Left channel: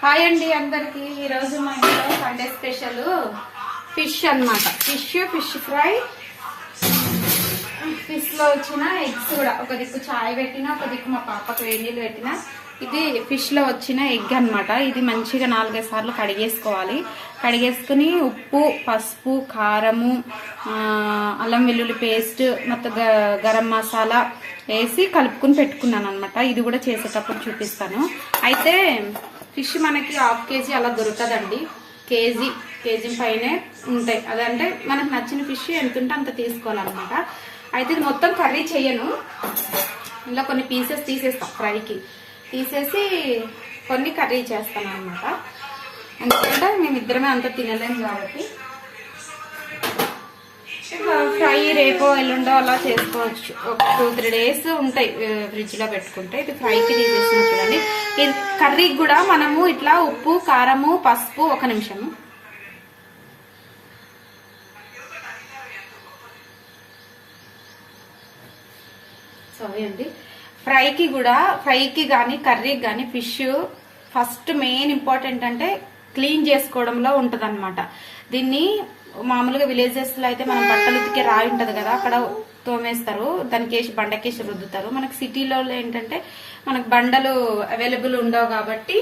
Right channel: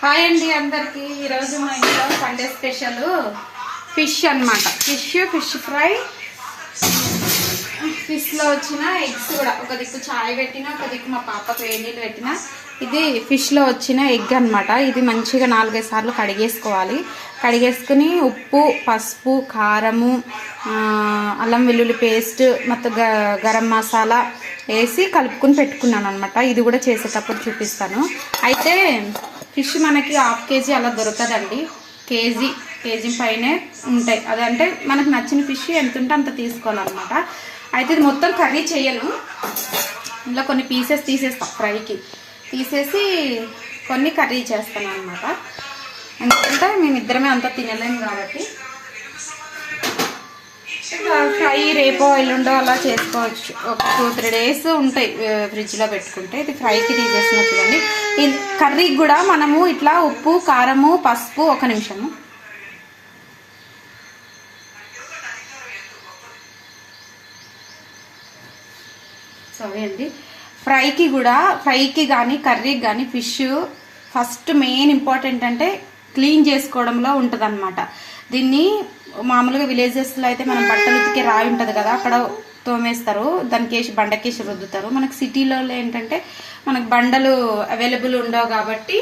Hi అండి అందరికి. ఈరోజు మా ఇంట్లో సండే స్పెషల్ ఫిష్ అన్నమాట. ఫిష్ ఫ్రై, ఫిష్ లో వచ్చిన ఎగ్స్ కూడా. ఒక దిక్కు చాయ్ పెట్టినా, ఒక దిక్కు మా పాపకు వేడి నీళ్ళు పెట్టినా. ఇది ఫిష్ లో వచ్చిన ఎగ్ అన్నమాట. ఇది మంచిగా 4-5 సార్లు కడిగేసుకోవాలి. కడిగేసుకుని ఉప్పు, పసుపు, కారము, అల్లం వెల్లుల్లి పేస్ట్ మొత్తం గరం మసాలా వేసి కలుపుకొని పెట్టుకున్నాను అనమాట. ఇది కూడా చేసేటప్పుడు చూపిస్తాను. అయితే ఫిష్ మనకి 1/2 కేజీ అలా దొరకదండి. కేజీ పైనే ఉంటాయి. అదంటే మనకు నచ్చిన ఫిష్ ఎంత ఉంటే అంత తీసుకోవాలన్నమాట. అయితే ఇది మొత్తం కర్రీ చేయను. ఇలా కొన్ని పీసెస్ తీసేస్తాం ఫ్రైకి. తీసేసి కొన్ని కర్రీ చేస్తాను అనమాట. ఎందుకంటే మేమిద్దరమే అంతా తినలేము కాబట్టి. ఫ్రై రేపో ఎల్లుండో అలా చేసుకోవచ్చు. ఒక 2-3 డేస్ ఉంటాయి ఫ్రిడ్జ్లో పెట్టుకుంటే. ఇది ఫ్రైకి తీసేస్తున్నా చూడండి. ఈ కర్రీకి కూడా మనము ఇట్లా ఉప్పు, కారము, పసుపు. ఒక నిమిషము. సారీ అండి. ఫ్రైకి కానీ కర్రీకి కానీ ఫిష్ ఫస్ట్ మెయిన్ ఇంపార్టెంట్ అంటే క్లీన్ చేసుకోవడంలో ఉంటుంది అనమాట. దీన్ని మామూలుగా విలేజెస్లో అయితే మనం బట్టలు ఉతికే రాయి ఉంటుంది కదా, అక్కడ తోమేస్తారు. దానికి వేసి బండకేసి రుద్దుతారు. మనకి సిటీలో ఏంటంటే మనకు బండలు అవైలబుల్ ఉండవు కాబట్టి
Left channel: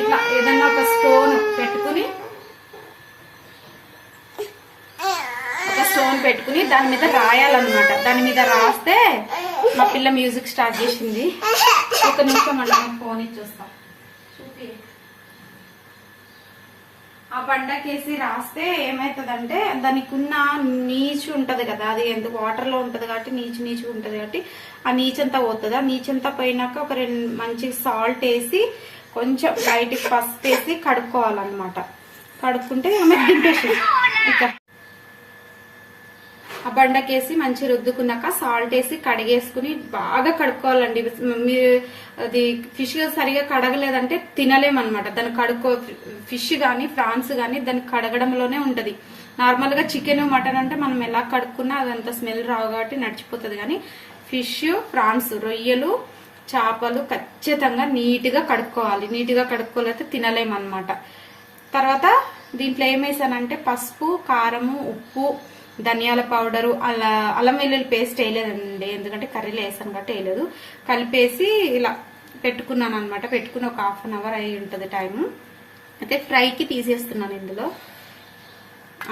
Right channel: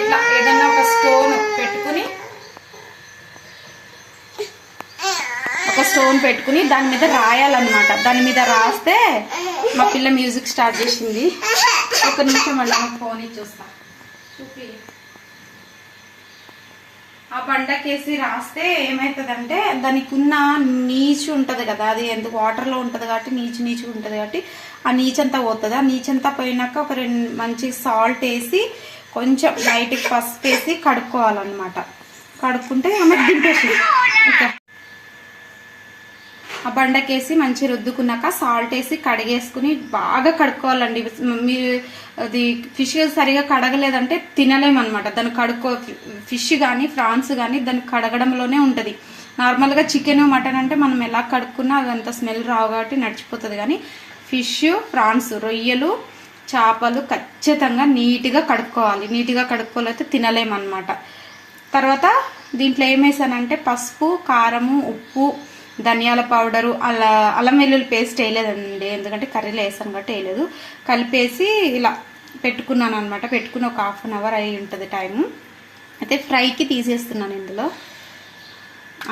ఇట్లా ఏదన్నా ఒక స్టోన్ పెట్టుకుని దాని మీద రాయాలన్నమాట. దాని మీద రాస్తే మా పిల్ల మ్యూజిక్ స్టార్ట్ చేసింది. ఒక నిమిషం మళ్ళీ నాకు ఫోన్ ఇచ్చేస్తా. చూపి. ఆ బండకేసి రాస్తే ఏమవుతుందంటే దానికి ఉన్న నీచు ఉంటుంది కదా, అది ఎందుకు వాటర్లో ఉంటుంది కాబట్టి నీచు ఉంటుంది కాబట్టి ఆ నీచంతా పోతుంది. ఆ నీచంతా పోయినాక ఒక 2 మంచి సాల్ట్ వేసి కొంచెం లైట్కి పసుపు వేసి కడుక్కోవాలన్నమాట. కడుక్కుంటే ఆమె దింపేసి ఇక ఆ బండకేసి మంచి రుద్దుకున్నాక సాల్ట్ వేసి కడిగేసుకుని బాగా కడుక్కోవాలండి. మీరు అది ఫిష్ సరిగా కడగలేదంటే తినలేమన్నమాట. దాన్ని ఫిష్ కానీ ప్రాన్స్ కానీ దాన్ని కడగడంలోనే ఉంటుంది. నార్మల్గా చికెన్, మటన్ అంటే మనం ఎలా కడుక్కున్నా అదంత స్మెల్ రావు కాబట్టి నడిచిపోతుంది. కానీ ఫిష్, ప్రాన్స్, రొయ్యలు, చేపలు ఖచ్చితంగా నీట్గా కడుక్కోవాలి. నీట్గా కడుక్కోలేకపోతే తినలేమన్నమాట. తర్వాత దీంట్లో ఏమేసానంటే పసుపు, కారము, ఉప్పు, ధనియాల పౌడరు, అల్లం వెల్లుల్లి పేస్ట్ వేయలేదండి. ఎందుకంటే కర్రీలో వేసాను కాబట్టి వేయలేదు. కలిపేసి ఇలా పెట్టుకున్నాను అనమాట. పెట్టుకుని ఒక 1/2 అవర్ అయి ఉంటుంది టైము. అయితే ఫ్రైకి తీసేస్తున్నాను. ఇందులో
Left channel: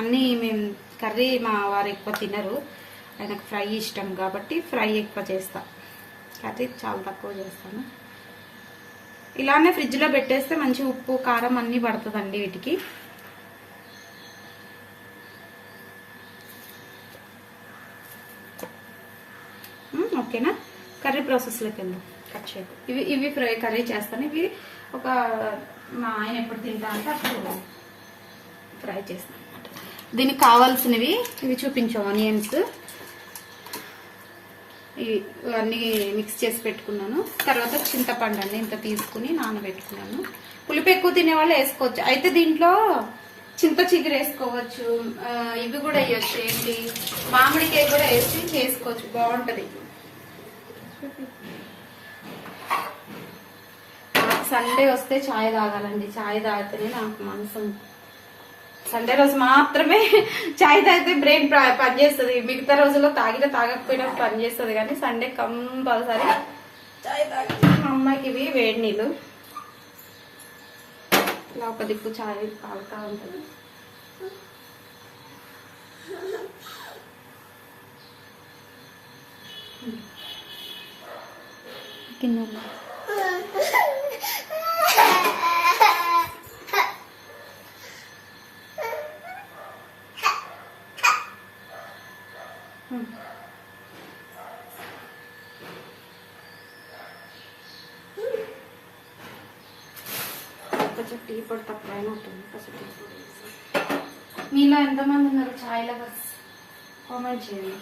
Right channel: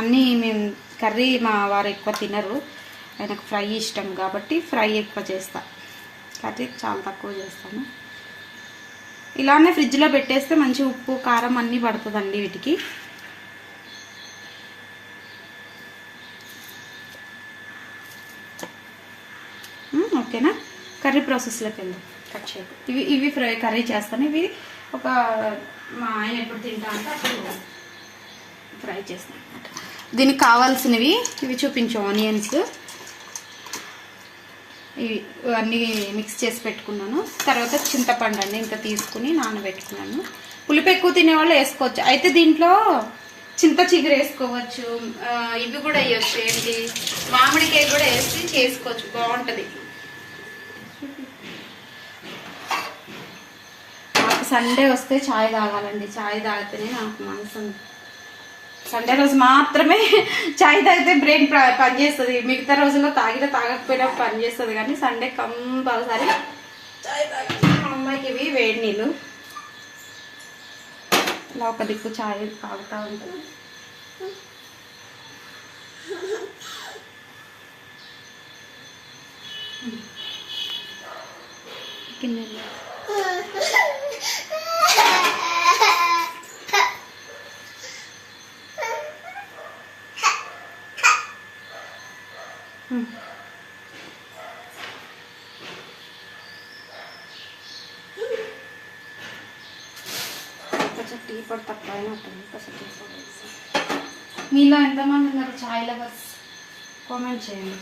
అన్నీ మేము కర్రీ మా వారు ఎక్కువ తినరు. ఆయనకు ఫ్రై ఇష్టం కాబట్టి ఫ్రై ఎక్కువ చేస్తా. కర్రీ చాలా తక్కువ చేస్తాను. ఇలానే ఫ్రిడ్జ్లో పెట్టేస్తే మంచి ఉప్పు, కారం అన్నీ పడుతుందండి వీటికి. ఓకేనా? కర్రీ ప్రాసెస్లోకి వెళ్దాం. కట్ చేయకు. ఇవి ఫ్రై కర్రీ చేస్తాను. ఇవి ఒక మా ఆయన ఎప్పుడు తింటా అంటే అప్పుడు ఫ్రై చేస్తాను అనమాట. దీనికి కావాల్సినవి ఇవి చూపించు. ఆనియన్స్ ఇవి అన్నీ మిక్స్ చేసి పెట్టుకున్నాను. తర్వాత చింతపండు అండి ఇంత తీసుకుని నానబెట్టుకున్నాను. పులుపు ఎక్కువ తినేవాళ్ళు వేసుకోవచ్చు. అయితే దీంట్లో చింత చిగురు వేసుకోవచ్చు. ఇవి కూడా వేయచ్చు. ఏంటి మామిడికాయ కూడా వేసి చేసుకోవచ్చు. బాగుంటుంది. సండే వస్తే ఛాయ్ తాగాలండి. ఛాయ్ తాగితేనే నాకు మనసు. సండే రోజు మాత్రమే ఛాయ్ తాగితే బ్రెయిన్ పనిచేస్తుంది. మిగతా రోజుల్లో తాగకపోయినా పనిచేస్తుంది. కానీ సండే కంపల్సరీ ఛాయ్ తాగాలి. మా అమ్మాయికి ఇవి వేడి నీళ్ళు. ఇలా ఒక దిక్కు ఛాయ్ తాగుతూ ఉంటుంది. తిన్నాను. కొంచెం టీ పొడి తక్కువ అయినా ఉంటుంది. కొంచెం టీ పొడి. మీలో ఎంతమంది ఉన్నారు ఛాయ్ లవర్స్? కామెంట్ చేయండి.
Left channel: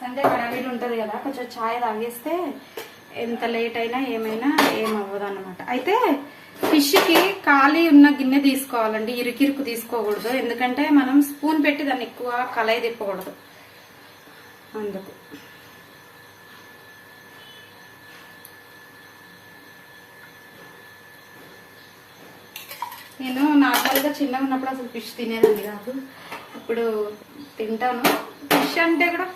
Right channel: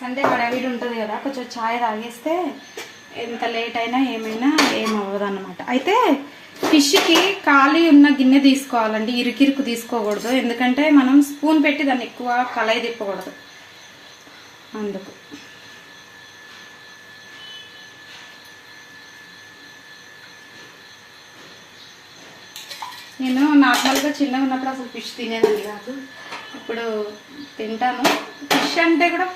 సండే హడావిడి ఉంటుంది కదా, కొంచెం ఛాయ్ తాగేస్తే ఎంత లేట్ అయినా ఏమైనా ఏమవ్వదు అన్నమాట. అయితే ఫిష్కి ఖాళీ ఉన్న గిన్నె తీసుకోవాలండి. ఇరుకిరుకు తీసుకోకూడదు. ఎందుకంటే మనం స్పూన్ పెట్టి దాన్ని ఎక్కువ కలయి తిప్పకూడదు. అందుకు నేను నార్మల్గా చిన్నగా ఉన్నప్పుడు అసలు ఫిష్ తినేదాన్ని కాదు, ఇప్పుడు తింటాను. ఫిష్ అంటే కూడా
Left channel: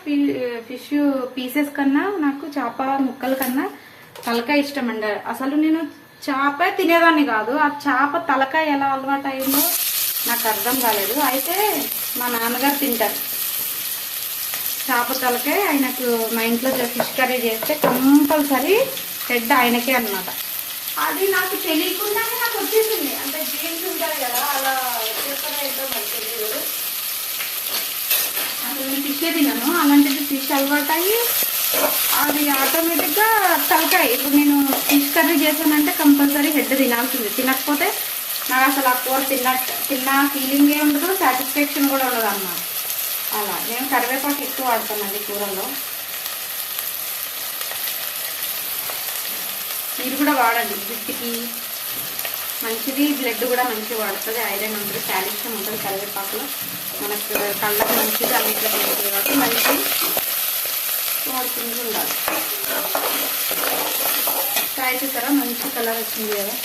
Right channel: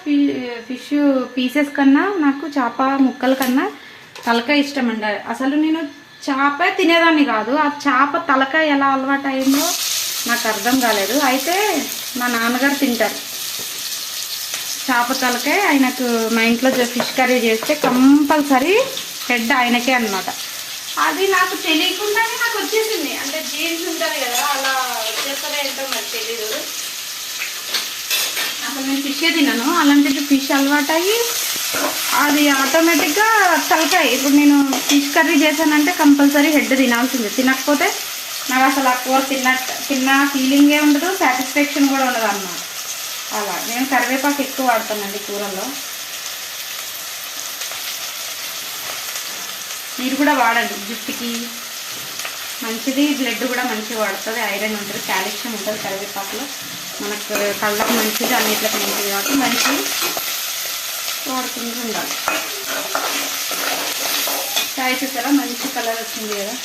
ఫిష్ పీసెస్ కన్నా నాకు చేప ముక్కల కన్నా తలకాయ ఇష్టం అండి. అసలు నేను చేప తినేదాన్ని కాదు, ఆ చేప తలకాయ ఎలా అలవాటు అయిందో నాకు అర్థం కాలేదు. అయితే మా నాన్నగారు తింటారు చేప తలకాయ, ఆయనకు మా ఇంట్లో ఫిష్ కర్రీ చేస్తే కంపల్సరీ హెడ్ ఆయనకే అనమాట. అది నాకు తెలియకుండానే నాకు వచ్చేసింది, అంటే జీన్స్ ఉంటుంది కదా అలా వచ్చేస్తూనే ఏంటో మరి తెలియదు. అసలు నేను ఫిషే తిన్నాను, అలాంటిది ఫిష్ అలవాటు అయ్యి అది ఆటోమేటిక్గా తలకాయ. ఇప్పుడు నేను ఫిష్ కర్రీ చేశానంటే కంపల్సరీ హెడ్ తినాల్సింది, తినకపోతే నాకు అసలు ఆ కూర తిన్న ఫీలింగే ఉండదు, సాటిస్ఫాక్షన్ కూడా ఉండదు అన్నమాట. అలా నేను కరివేపాకు ఎక్కువ వాడతానండి కూరల్లో, మీరు కూడా వాడండి, జుట్టుకి మంచిది, బ్లడ్ కూడా మంచిగా వాడుతుంది, ఐరన్ ఉంటుంది, కాల్షియం ఉంటుంది కరివేపాకులో, మనకు కళ్ళకు మంచిది, అన్నిట్లకు మంచిది కాబట్టి మంచిది వాడుకుంటూ ఉండాలి. కాయ చూసారా మంచి కలర్ వచ్చింది కదా.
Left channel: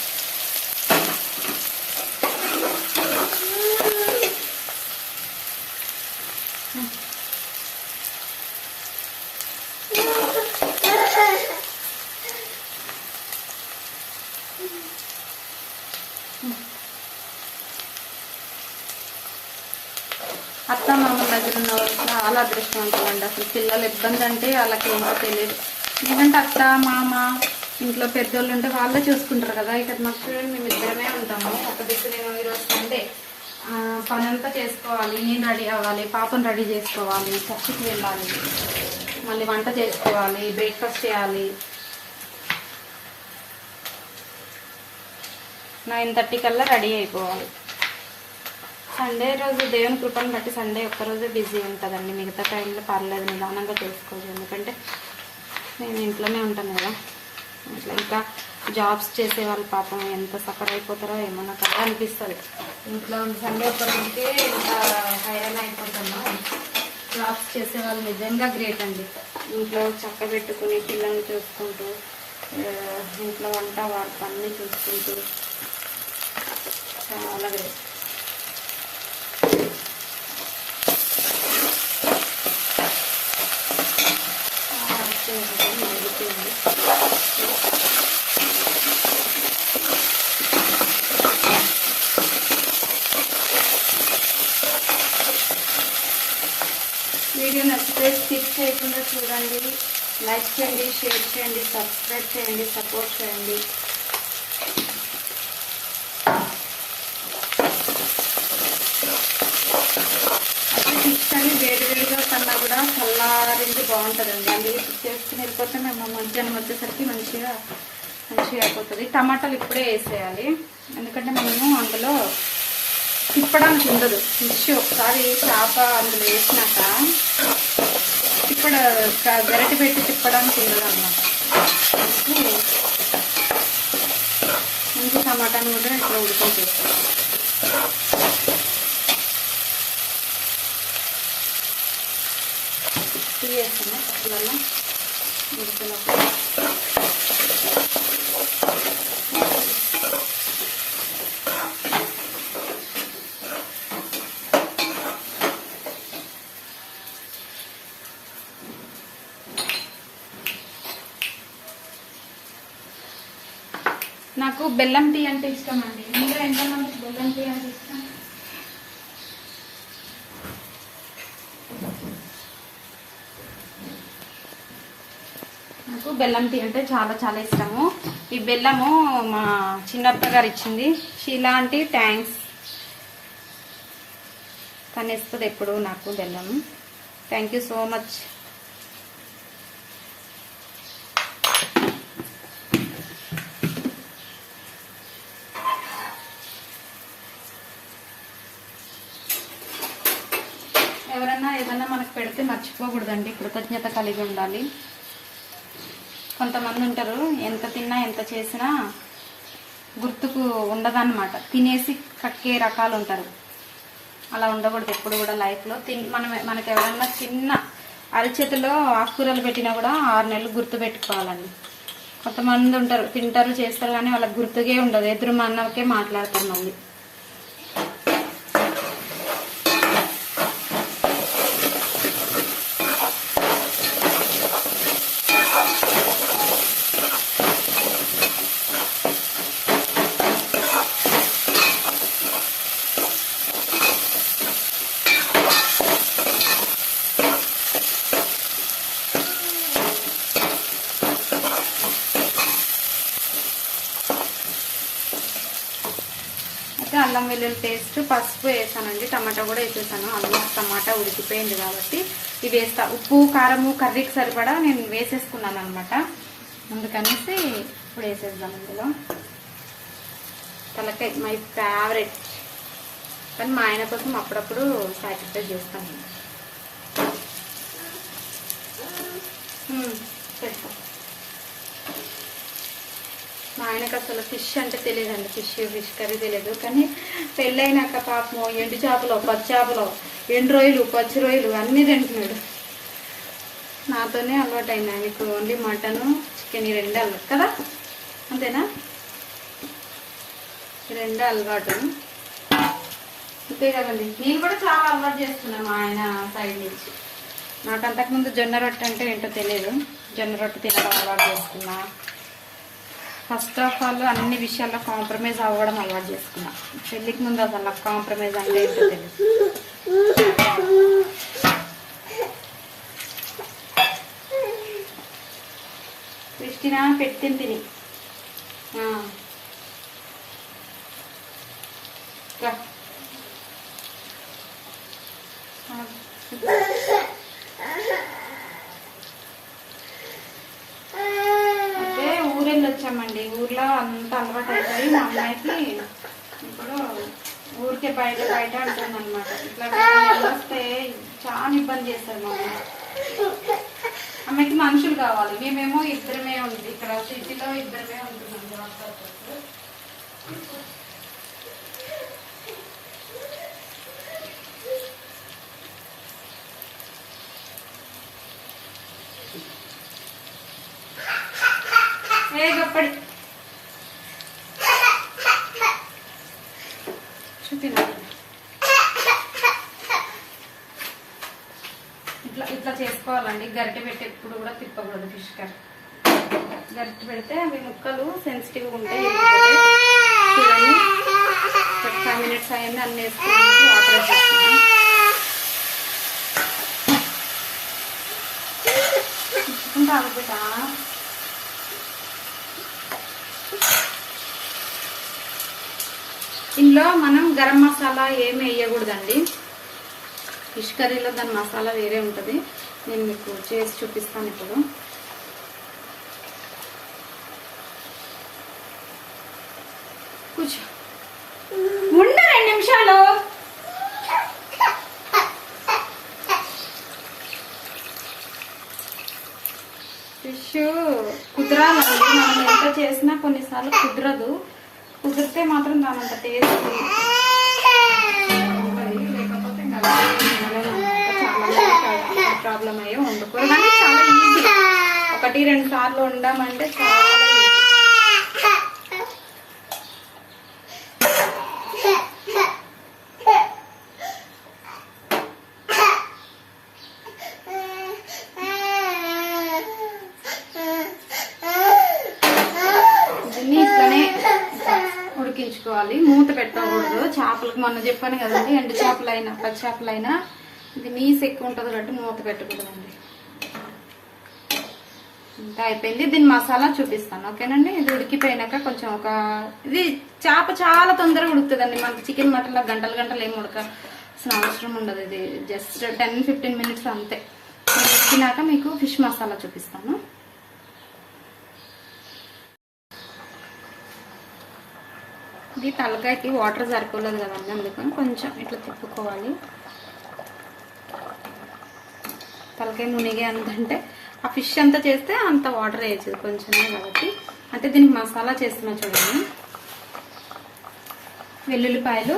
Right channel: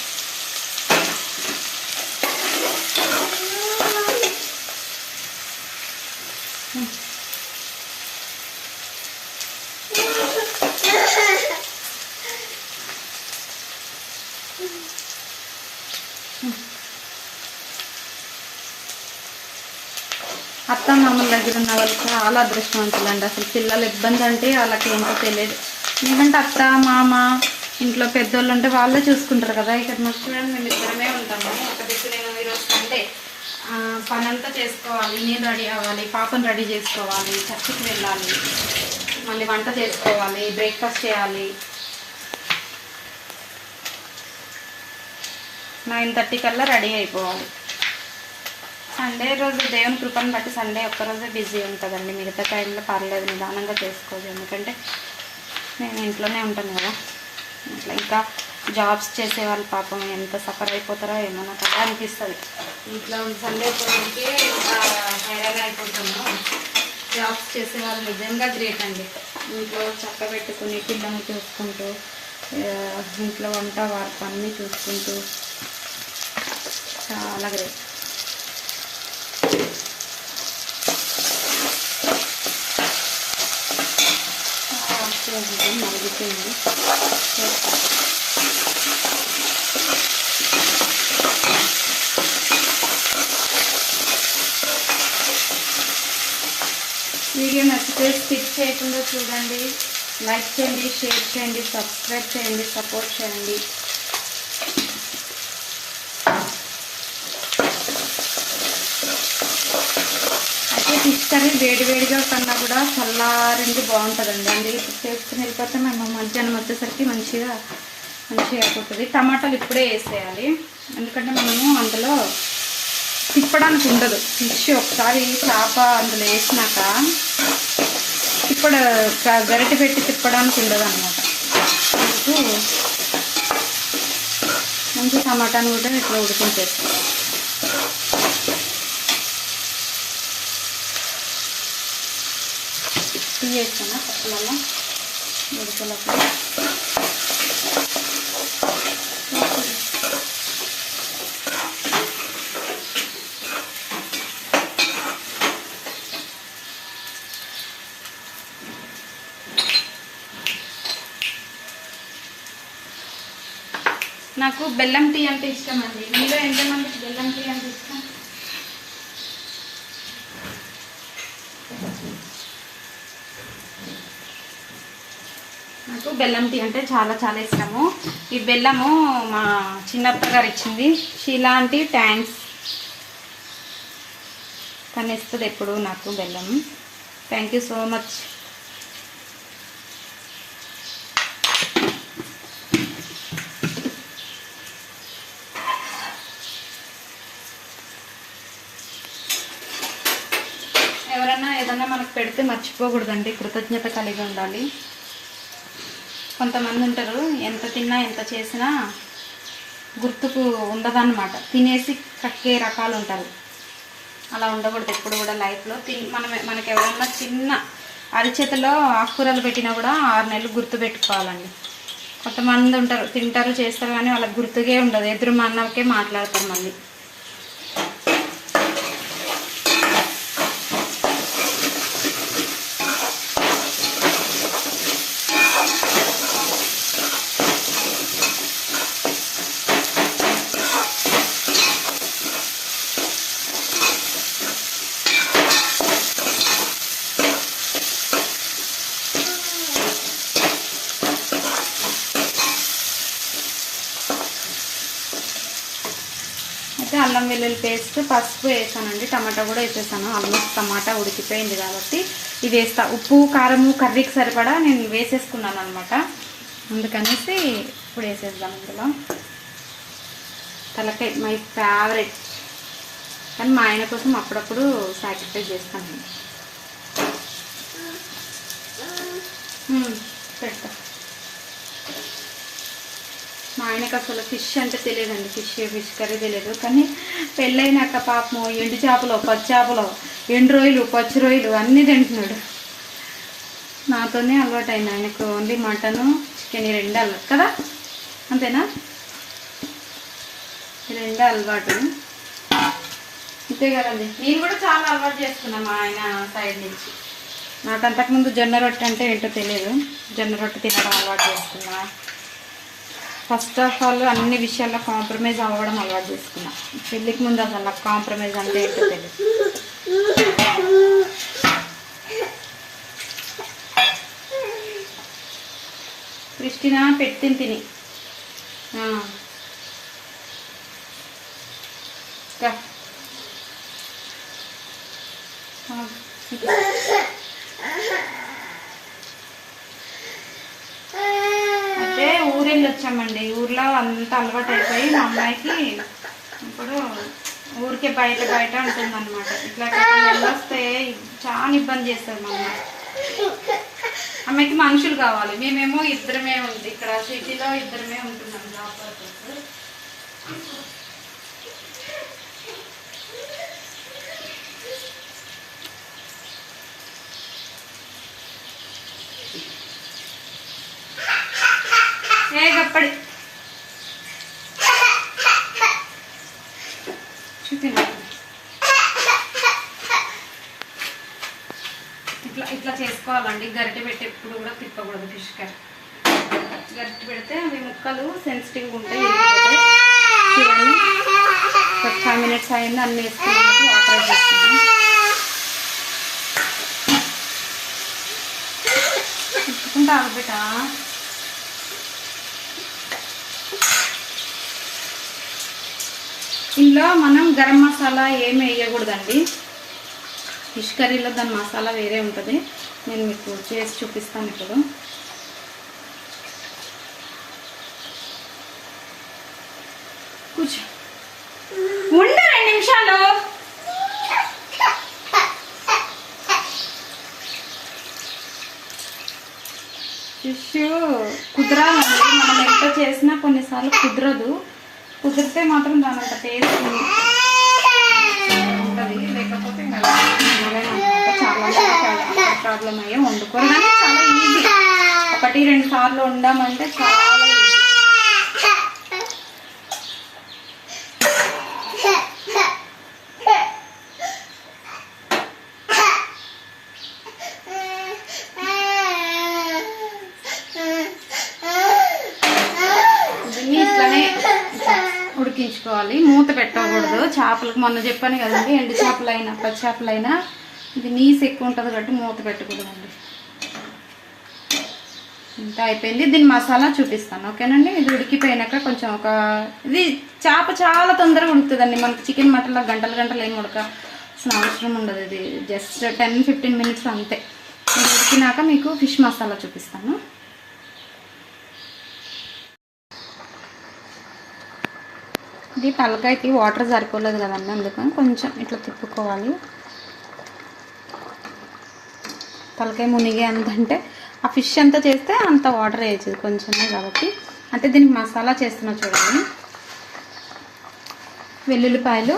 అత్త మామూలు దగ్గర ఉన్న వాళ్ళు చాలా అదృష్టవంతులండి. అసలు పిల్లలు ఇబ్బంది అంటే వాళ్ళకి ఏంటో తెలియదు. ఎందుకంటే అత్త మామ ఇంట్లో పెద్దోళ్ళు అంటే వాళ్ళే చూసుకుంటారు కదా. ఇక్కడ మా చూడండి మేము ఇద్దరమే ఉంటాము. ఒక దిక్కు నేను ఈరోజు సండే పని అంతా చేసుకోవాలి, నేను రెడీ అవ్వాలి, పాపను రెడీ చేసుకోవాలి, చర్చికి వెళ్ళాలి, మళ్ళీ వంట చేసుకోవాలి, బ్రేక్ఫాస్ట్ చేయాలి. 9:30 కల్లా రెడీ అయిపోవాలి. సండే రోజు దేవుని కృపను బట్టి సండే ఒక్కరోజే బిజీ ఉంటుందండి, మిగతా టైంలో పర్లేదు నిదానంగా చేసుకోవచ్చు. ఎందుకంటే నేను ఇంట్లోనే ఉంటాను కదా. ఇట్లా ఇంకా జాబ్స్ చేసే వాళ్ళు పాపం ఎంత సఫర్ అయిపోతారో ఏమో నాకు అలా అనిపిస్తుంది. ఇంట్లో సండే ఒక్కరోజుకే ఇంకా హైరాన్ అయిపోతున్నాం. జాబ్స్ చేసే వాళ్ళు నిజంగా గ్రేట్ అండి. ఇంట్లో చక్క పెట్టుకుని పిల్లల్ని చూసుకుంటూ ఇంట్లో వంట వారికి అన్నీ చూసుకుంటూ చాలా గ్రేట్. వీడియో నచ్చితే స్కిప్ చేయకుండా చూడండి, లైక్ చేయండి, షేర్ చేయండి, సబ్స్క్రైబ్ చేయండి, సపోర్ట్ చేయండి. అయితే ఫిష్ కర్రీ వేడివేడిగా కన్నా కూడా చల్లారింది బాగుంటుందండి. అందుకే చేసుకుని వెళ్ళిపోతే మేము మధ్యాహ్నం వచ్చేసరికి మంచిగా అయిపోతుంది. టమాటాలు ఇప్పుడే వేసేయాలి, ఎందుకంటే మనము అందులో తిప్పడానికి ఉండదు. ఫిష్ ఒకసారి చేప అందులో వేసినాక గరిటె పెట్టి తిప్పడానికి ఉండదు అన్నమాట. మంచి టమాటాను కూడా ఇప్పుడు ఉడికించేస్తాం. వేస్తాను పప్పులలో ఉడికినప్పుడు. నాకు బెల్లం టీ అంటే ఇష్టం అండి. మీలో ఎంతమందికి బెల్లం టీ అంటే ఇష్టం? నాకు బెల్లం టీ అంటే చాలా చాలా ఇష్టము. ఈ బెల్లము మా చిన్నప్ప గారు ఇచ్చింది, షీలా అంటే థ్యాంక్స్. తను ఇస్తుంది ఎప్పుడు నాకు బెల్లం. Thank you so much. ఎవరన్నా ఏదన్నా మనకు పెడితే మర్చిపోకూడదండి, కృతజ్ఞత కలిగి ఉండాలి. కొంతమంది ఉంటారు ఎంత తిన్నా ఎంత చేసినా గుర్తుకు ఉండదన్నమాట, తినేసి కక్కే రకాలు ఉంటారు. అలా ఉండకూడదు ఎప్పుడు కూడా లైఫ్లో. మనకు ఎవరన్నా చిన్న అరిచేతిలో ఆకుకూరలు పెట్టినా కూడా 6 నెలలు గుర్తు పెట్టుకోవాలండి. కొంతమంది ఉంటారు తింటారు చేస్తారు కానీ వాళ్ళకి గుర్తుకే ఉండదు, ఎదురు అన్నకే మాట్లాడతారు మళ్ళీ. అల్లం వెల్లుల్లి పేస్ట్, పసుపు వేసానండి. టమాటా కూడా వేసేసాను. ఆల్మోస్ట్ టమాటా ఉడికిపోయింది కాబట్టి ఇవి వేస్తా. ఉప్పు కారము కర్రీకి సరిపడా నేను వేసేసుకున్నాను అనమాట. అందుకనేసి ఇప్పుడు వేసేద్దాం ఇందులో. తలకాయ మై ఫేవరెట్, కానీ మా ఆయన కోసం అప్పుడప్పుడు సాక్రిఫైస్ చేస్తాను. పెడతా. మా ఆయనకు అసలు ఫిష్ అంటే తెలియదండి. ఫిష్ కర్రీ తెలియదు. కానీ పెళ్ళైనాక పాపము ఎండు చేపలు, పచ్చి చేపలు, ఎండు రొయ్యలు, పచ్చి రొయ్యలు అన్నీ తింటున్నాడు. నాతోనే అలవాటు అయింది. ఆయనకు ఓన్లీ మటను, చికెన్ ఈ రెండే అలవాటు కదా, అంతేనా? ఈ రెండే అలవాటు, అంతే కదండి. నేను కూడా చాలా అలవాటు చేసుకున్నాను మా ఆయన సైడ్ నుంచి. నాకు అంతకుముందు జొన్న రొట్టె అంటే ఏంటో తెలియదు. జొన్న రొట్టె తినడం అలవాటు చేసుకున్నా. ఫస్ట్ ఆఫ్ ఆల్ అన్ని విషయాల్లో కాంప్రమైజ్ అవ్వడం అలవాటు చేసుకున్నా. పెళ్ళికి ముందు అసలు కాంప్రమైజ్ అంటే ఏంటో తెలియదు. క్రిస్టినా పెట్టింది తిని అయితే ఊరెళ్ళి వచ్చామండి. ఊర్లో అంత అలవాటు అయిపోయి మా అమ్మాయికి ఇప్పుడు ఊరికే బయట ఉంటుంది అనమాట. ఇట్లా వస్తే చాలా ఇబ్బంది చేస్తారు మా అమ్మాయి. అమ్మాయికి మనుషులు కావాలి. మేమేమో ఇద్దరమే ఉంది ఇక్కడ సిటీలో, ఇద్దరమే ఉంటున్నాం జాబ్ పర్పస్. ఏ గప్పడి చూపినా ఇట్లా చేసుకోవాలండి. గరిటె పెట్టి ఎప్పుడు కూడా తిప్పకూడదు ఫిష్ కర్రీ. గరిటె పెడితే అవి ముక్కలు సెన్సిటివ్గా ఉంటాయి. చూడండి 5 మినిట్స్ అయ్యింది. అన్నీ వేసుకున్నాను. ఆపరేట్ చేస్తున్నాను. తిప్పుకుంటా ఆగబెట్టా. ఇందులో మనం గరం మసాలా ఏమి వేయకూడదండి. ఫిష్ కర్రీలో దాని మసాలా వేరే ఉంటుంది. నేను మీకు చేసి చూపిస్తాను ఇప్పుడు. కూర్చో, ఉండు 2 నిమిషాలు. ఫిష్ కుదరాలండి. మనం ఎంత చేసినా కొన్నిసార్లు కుదరదు. కుదిరితే మాత్రం దాని అంత టేస్ట్ ఉంటుంది. లేకపోతే చాలా ప్రాబ్లం అయ్యే వండుకోరు. కానీ చాలా ఈజీ. 1-2 సార్లు వండామంటే చాలా ఈజీ. ఇట్లానే ఉడికించుకోవాలి. మూత పెట్టకూడదు. చేపలకు మొన్న చెప్పాను కదండి, ఎండు చేపలైనా పచ్చి చేపలైనా ఇది నీసు ఎక్కువ ఉంటుంది కాబట్టి మూత పెట్టకూడదండి. ఇంకా అయిపోయింది. దీని మసాలా చూపిస్తాను, ఓకేనండి. ఇది ఉడికిపోయినాక కొంచెం ఇది చేప చాలా తొందరగా ఉడుకుతుందండి. మనకి చికెన్ మటన్లో గంటలు ఏం అసలు అవసరం ఉండదు. ఇది జస్ట్ 10-15 మినిట్స్ అంతే. ఉడికినాక మీకు ఫిష్ మసాలా చూపిస్తాను. ఇది తలకాయకి వాటర్ సరిపోలేదు కదండి, అందుకని కొంచెం ఇట్లా తిప్పుకోవాలి. తలకాయ మునిగే అంతంటే ఆ ఫిష్ ఎంత చేస్తే అంత వాటర్ వేయచ్చు కొంచెమే కాబట్టి. అంటే దీనికి మసాలా చేస్తున్నా చూడండి. వెల్లుల్లిపాయలు,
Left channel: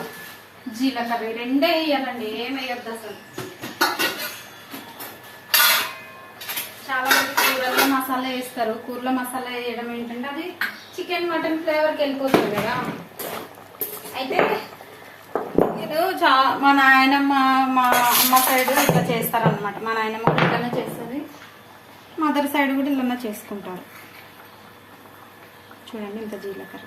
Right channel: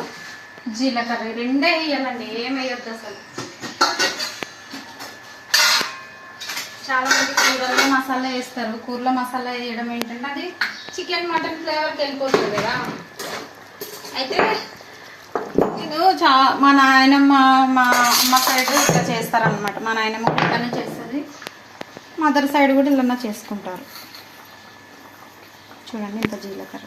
జీలకర్ర రెండే వేయాలండి, ఏం వేయొద్దు అసలు. చాలా మంది కూరల్లో మసాలా వేస్తారు. కూరలో మసాలా వేయడం ఏంటంటే అది చికెన్ మటన్ ఫ్లేవర్కి వెళ్ళిపోతుంది కదా. అయితే ఇది మా నాయనమ్మ మా అమ్మ సైడ్ ఇట్లా చేస్తారనమాట. మా నాయనమ్మ ఇట్లానే చేస్తుంది. మదర్ సైడ్ కూడా ఇలా చేసుకుంటారు. చూడండి ఇంత జీలకర్ర.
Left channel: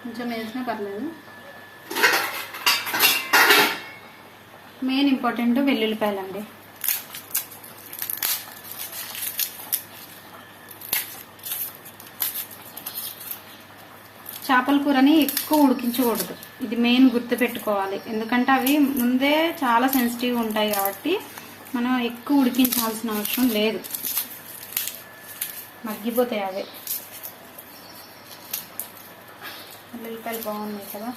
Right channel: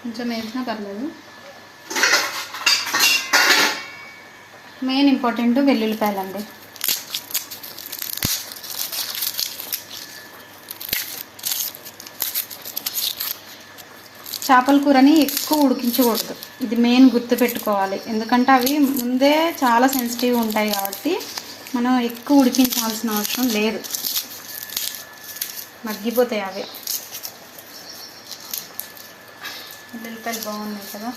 కొంచెం వేసినా పర్లేదు. మెయిన్ ఇంపార్టెంట్ వెల్లుల్లిపాయలండి. చేపల కూరని ఎక్కువ ఉడికించకూడదు, ఇది మెయిన్ గుర్తు పెట్టుకోవాలి. ఎందుకంటే అవి ముందే చాలా సెన్సిటివ్ ఉంటాయి కాబట్టి మనం ఎక్కువ ఉడికించాల్సిన అవసరం లేదు, మగ్గిపోతాయి అవే. ఉల్లిపాయలు బాగున్నాయి కదా.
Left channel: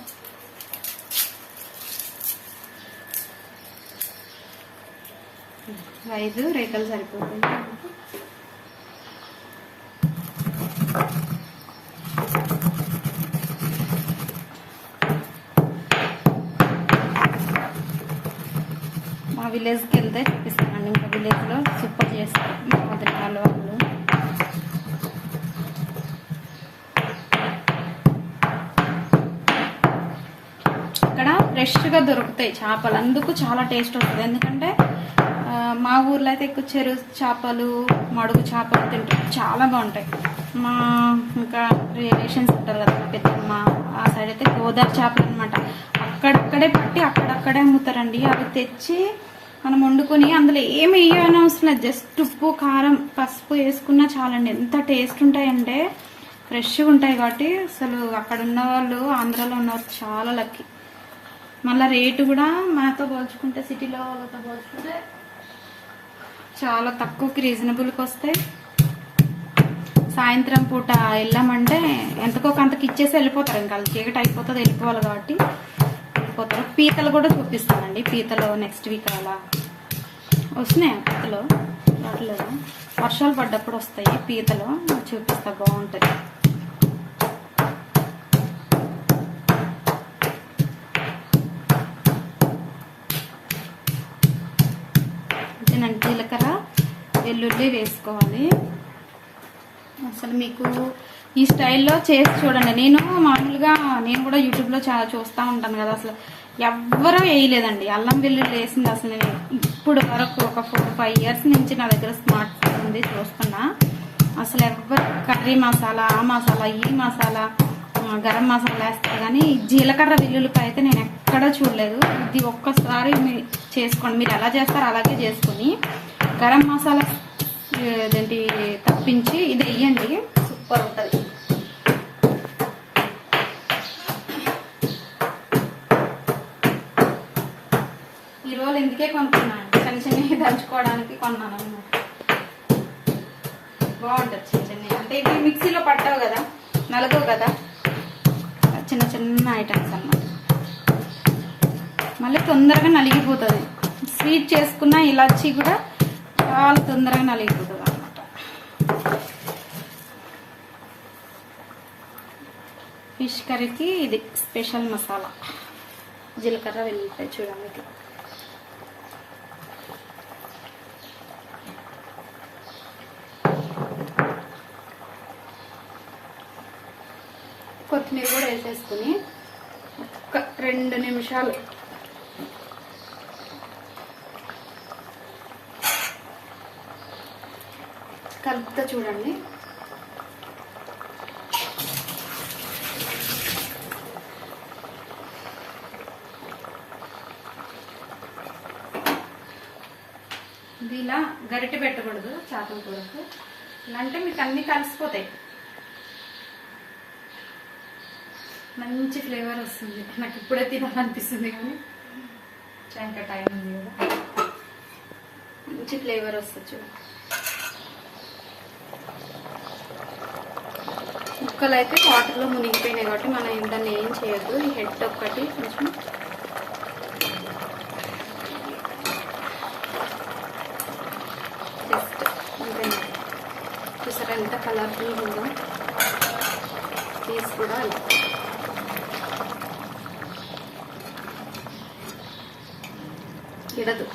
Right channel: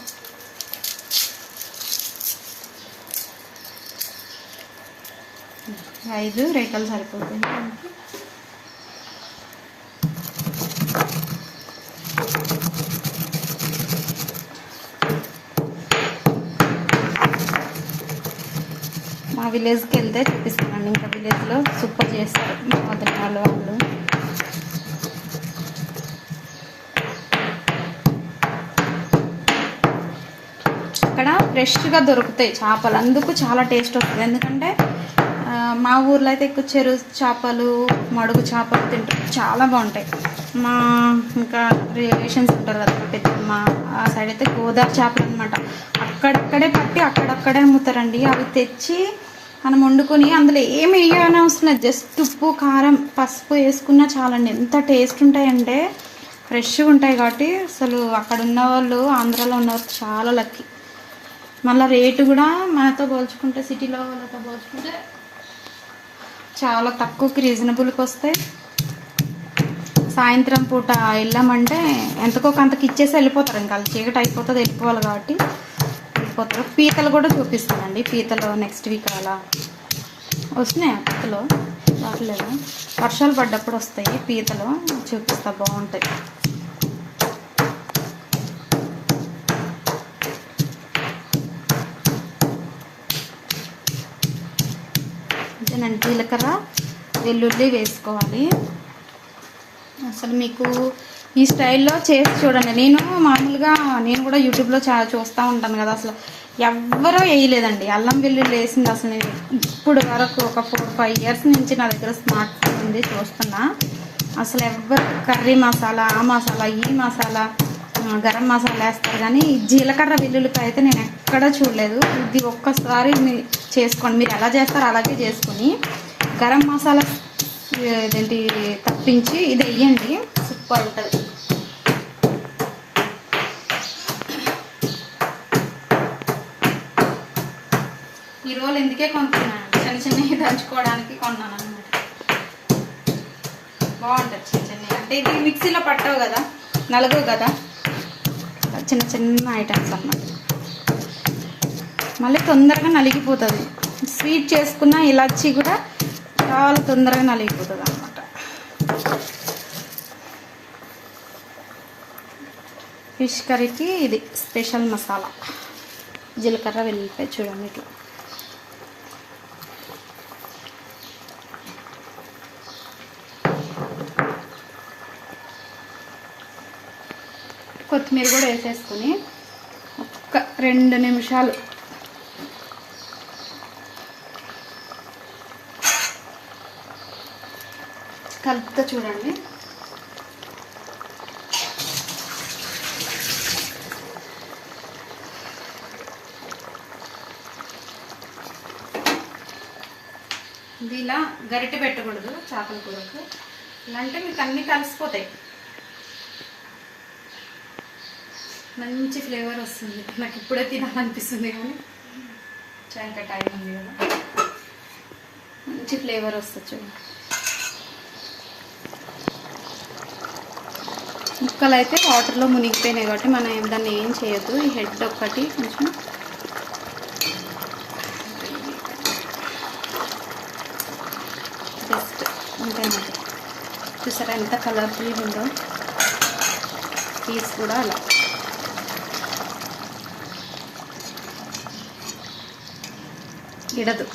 ఐదు రేఖలు సరిపోతుంది. మా విలేజ్కి వెళ్తే చూపిస్తానండి, ఇంకా విలేజ్లో సూపర్ చేస్తారు మా వదిన వాళ్ళు. అక్కడ ఫ్రెష్గా దొరుకుతాయి చేపలు, అందుకు చాలా టేస్ట్ వస్తుంది. ఎందుకంటే మా ఊర్లో అయితే ఎక్కువ చెరువు చేపలు, మడుగు చేపలు తింటారు, చాలా బాగుంటాయి. మా ఇంకా రిలేషన్స్ ఉంటారు కదా పెద్దమ్మ, ఆ సైడ్ అయితే గోదావరి చేపలు అనమాట. అక్కడక్కడే పట్టి అక్కడక్కడే అమ్ముతారండి. అవి తెచ్చి మనం వండుకొని అందులో ఏమి వేయని అవసరం లేదు, జస్ట్ ఉప్పు కారం పసుపు వేసుకున్నా చాలండి. ఎంత టేస్ట్ ఉంటాయంటే ఫ్రెష్గా ఉంటాయి. కాబట్టి అసలు అక్కడ ఉన్న వాళ్ళు, ఆంధ్రాలో ఉన్నవారు చాలా లక్కీ. మళ్ళీ రేటు కూడా మనతో పోల్చుకుంటే, సిటీలో వాళ్ళతో పోల్చుకుంటే చాలా తక్కువకి రీజనబుల్కి వస్తాయి. సాయంత్రం పూట వెళ్ళామంటే ఎంతకో అంతకి ఇచ్చేసి వెళ్ళిపోతారు, ఇంకా చీకటి అయిపోతుంది, వెళ్ళిపోవాలి కాబట్టి వెళ్ళిపోతారు. పీతలు కూడా చూపిస్తానండి, పీతలు నెక్స్ట్ వీక్ అలా వస్తున్నాయి. పీతలు రావట్లేదు, వర్షాలు పడ్డప్పుడు వస్తాయి పీతలు, చూపిస్తా, బాగుంటాయి. జీలకర్ర వెల్లుల్లి వేసుకోవాలి. అసలు మీకు ఈ స్టైల్లో చేసి చూడండి. నేను మామూలుగా నేను కూడా యూట్యూబ్లో చాలా చూస్తూ ఉంటాను కదా, అసలు ఎవ్వరూ వేయలేదండి అల్లం వెల్లుల్లి వేసింది. అసలు నేను ఇప్పుడు వరకు ఒక 4-5 ఇయర్స్ నుంచి నా దగ్గర స్మార్ట్ ఫోన్ ఉంది, చూస్తున్నా. అసలు ఎవ్వరు కర్రీ మసాలా, ఆ మసాలా, ఈ మసాలా, గరం మసాలా వేస్తారు, కానీ జీలకర్ర వెల్లుల్లిపాయ అయితే నేను ఎక్కడా చూడలేదు. ఇది ఒక్కసారి మీరు చేసుకోండి, మీరు ఎలా చేస్తారో అలాగే చేసుకొని గరం మసాలా ఇదేంటి తప్పించి ఇది వేయండి, సూపర్ ఉంటుంది. ఈ రోల్ ఎందుకే కొనుక్కున్నాను, చిన్న చిన్నవి దంచుకోవడానికి కొన్నాను అనమాట. బాగుంటుంది చిన్న చిన్నవి, అంటే ఇది మిక్సీలో పట్టవు కదా, నలగవు కదా, చిన్న చిన్న ఐటమ్స్ అన్నమాట. మళ్ళీ తొందరగా నలిగిపోతుంది. స్వీట్ చేసుకున్న ఇలాచీ కూడా చాలా తొందరగా నలిగిపోతుంది అన్నమాట. ఫిష్ కర్రీకి ఇది స్పెషల్ మసాలా, జీలకర్ర వెల్లుల్లిపాయ చూడండి ఇట్లా. కొత్తిమీర కూడా వేసేసుకుని ఒక్క 2 నిమిషాలు కలుపుతా చూడండి. ఇది ఇలా గరిటె పెట్టకూడదు చేపల కూరకు, ఇలా అంటే మీకు అన్నీ కలిసిపోతాయి, మంచి ఫ్లేవర్ వస్తుంది. నాకు ఇప్పుడే తినాలనిపిస్తుంది, కానీ ఇంకా టైం ఉంది కదా, మంచి ఫ్లేవర్ వస్తుంది చూడండి. ముక్కలు అయితే వాటర్లో మునిగిపోయినాయి కాబట్టి మనం దాన్ని ఏం చేయొద్దు. ఈ హెడ్ ఒక్కటి కొంచెం జస్ట్ అంతేనా, చూసారా ఎంత కలర్ఫుల్ ఉందో. పీస్ కూడా అలా ఎడదు,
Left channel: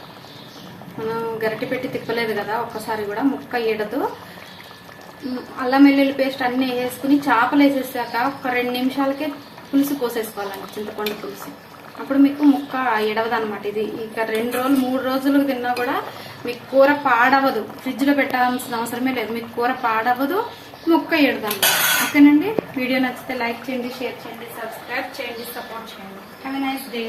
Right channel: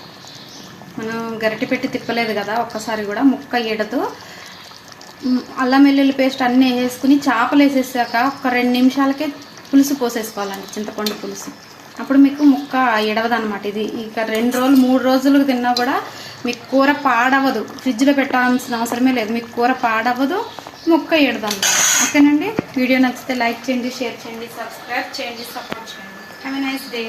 మనం గరిటె పెట్టి తిప్పలేదు కదా, ఒక్కసారి కూడా ముక్క ఎడదు. అల్లం వెల్లుల్లి పేస్ట్ అన్నీ వేసుకుని చేపలు వేసేసాక ఒక 2 నిమిషాలకే పులుసు పోసేసుకోవాలండి, చింతపండు పులుసు. అప్పుడు మీకు ముక్క ఎడవదనమాట. ఇది ఇక 2 రోజులు 3 రోజులు తిన్నా కూడా మీకు కూర పాడవదు, ఫ్రిడ్జ్లో పెట్టాల్సిన అవసరమే లేదు, మీకు కూర పాడవదు, ముక్క ఎడదాం. ఓకేనండి, వీడియో నచ్చితే లైక్ చేయండి, షేర్ చేయండి, సబ్స్క్రైబ్ చేయండి, సపోర్ట్ చేయండి. Have a nice day.